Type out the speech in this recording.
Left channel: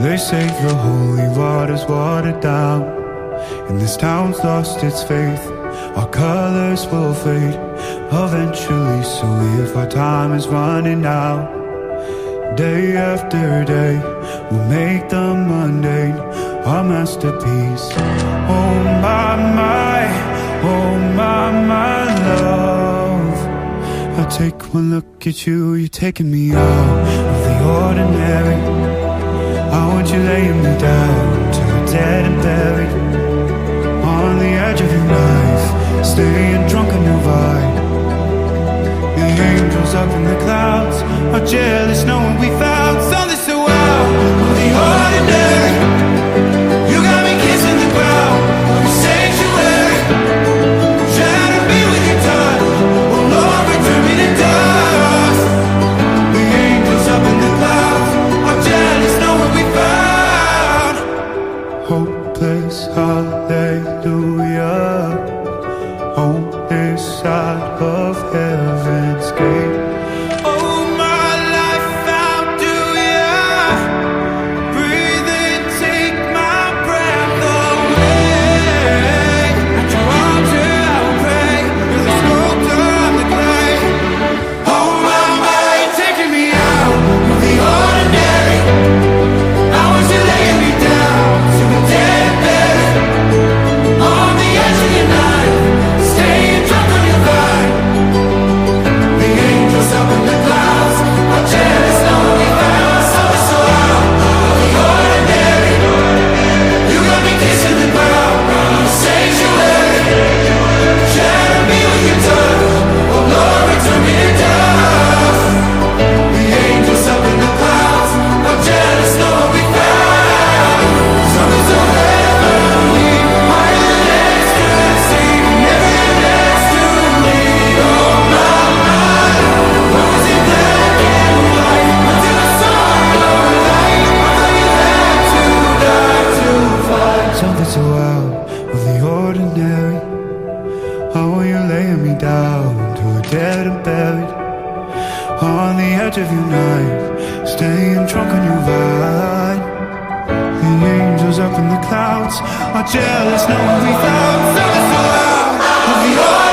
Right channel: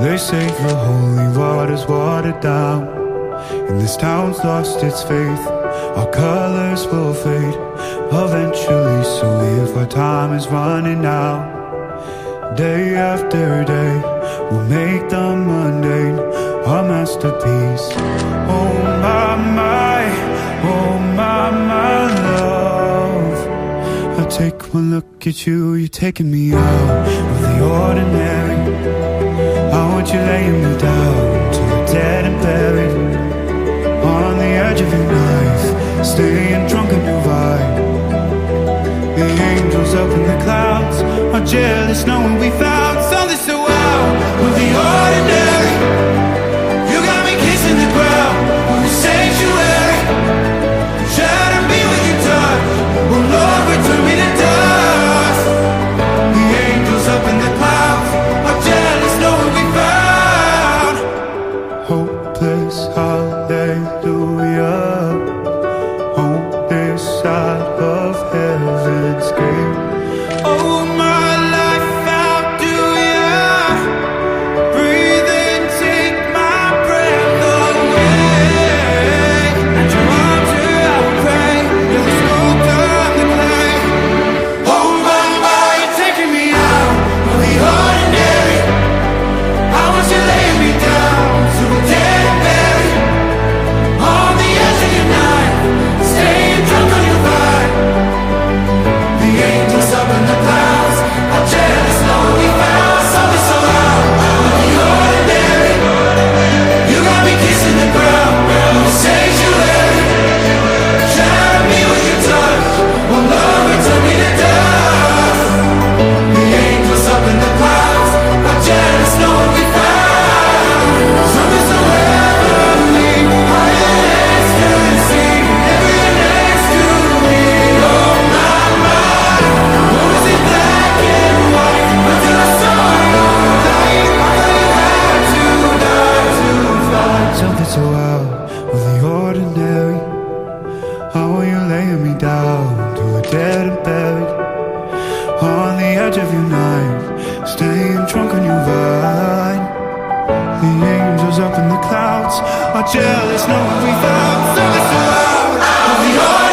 They say the holy water's watered down, and this town's lost its faith. Our colors will fade eventually, so if our time is running out, day after day, we'll make the mundane our masterpiece. Oh my, oh my love, I take one look at you, you're taking me out of the ordinary. I want you laying me down till we're dead and buried, on the edge of your knife, staying drunk on your vibe. The angels up in the clouds are jealous knowing we found something so out of the ordinary. You got me kissing the ground in your sanctuary, trying to be with your touch. Oh Lord, return me to dust. The angels up in the clouds are jealous knowing we found hopeless hallelujah on this side of heaven's gate. Oh my life, how do ya breathe and take my breath away? At your altar I will pray, you're the sculptor, I'm the clay. Oh my, you're taking me out of the ordinary. I want you laying me down till we're dead and buried, on the edge of your knife, staying drunk on your vine. The angels up in the clouds are jealous knowing we found something so out of the ordinary. You got me kissing the ground in the sanctuary, trying to be with your touch. Oh Lord, return me to dust. The angels up in the clouds are jealous knowing we found something so heavenly, higher than ecstasy. Never you're next to me. Oh my, what was it black and white until I saw your light? I thought you had to die to fight something so out of the ordinary. I want you laying me down till we're dead and buried, on the edge of your knife, staying drunk on your vine. The angels up in the clouds are jealous knowing we found something so out of the ordinary.